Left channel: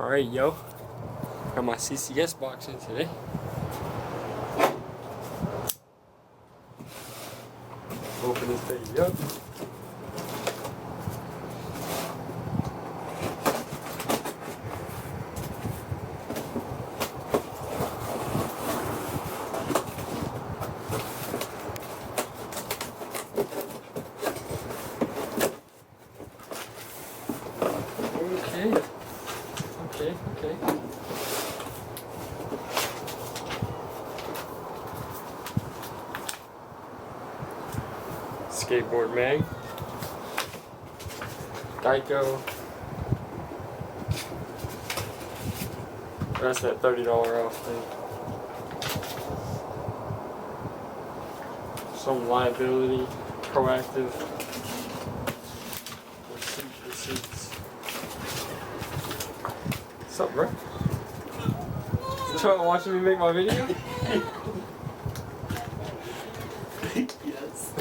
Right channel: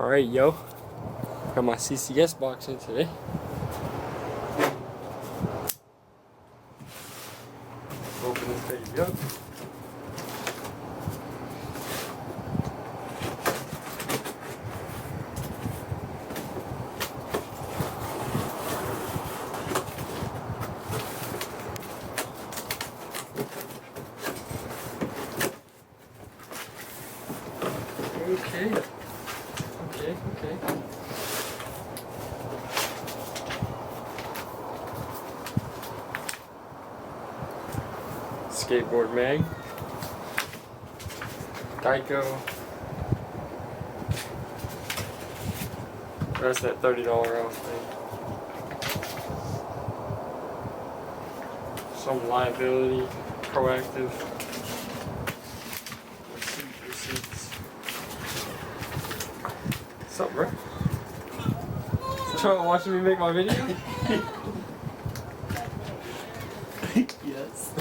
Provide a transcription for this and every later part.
Alright, yo. Got my CCS box in today. Open this baby up. Okay. Skateboard mag. Geico. That's that $30 off thing. Some liability, proactive. Receipts. What's up, bro? You trying to watch me make my video? Yes.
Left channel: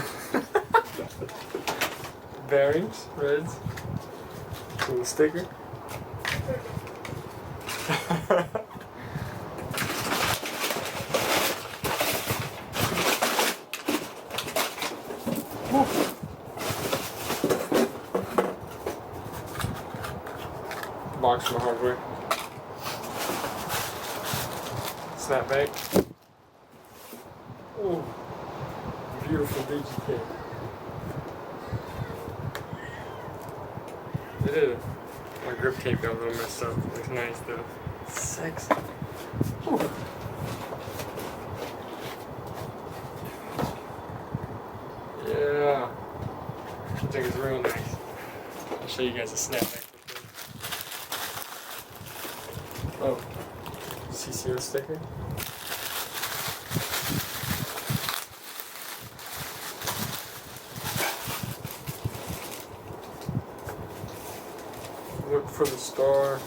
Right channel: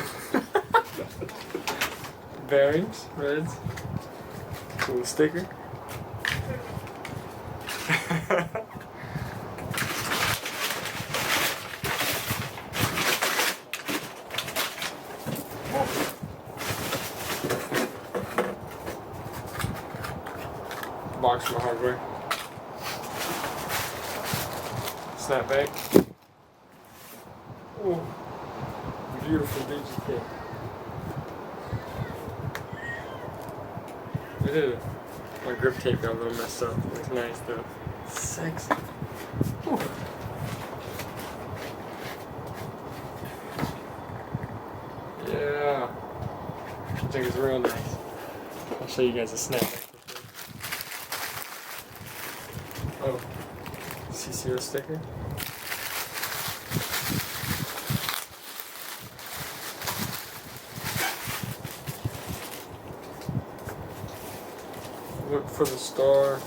Bearings, reds. Cool sticker. Box for hardware. Snapback. Oh, beautiful DGK. It is. My grip tape got a little messed up. Looks nice though. Sexy. Whew. Yeah. I think it's real nice. I'll show you guys a snapback. Oh, CCS sticker. Look for the star.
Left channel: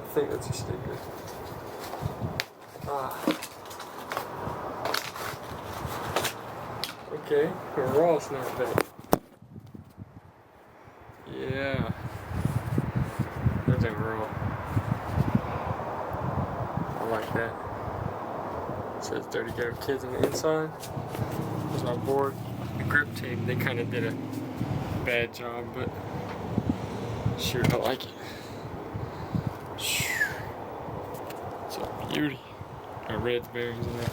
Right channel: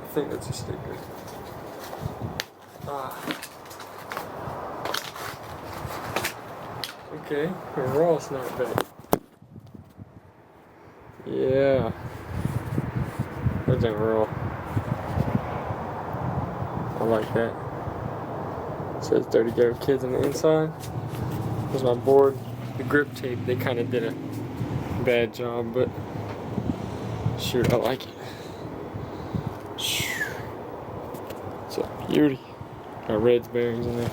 I think that's a sticker. Okay, a raw snapback. Yeah. That's a raw. I like that. It says Dirty Go Kids on the inside. There's my board. The grip tape, they kind of did a bad job, but shoot, I like it. It's a beauty. Got red bearings in there.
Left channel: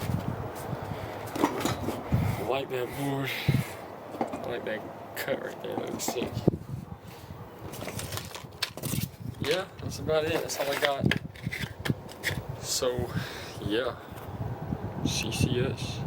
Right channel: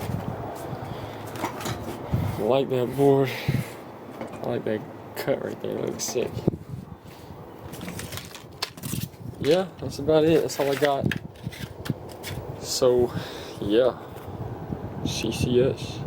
I like that board. I like that cut right there. That looks sick. Yeah, that's about it. That's all I got. So, yeah. CCS.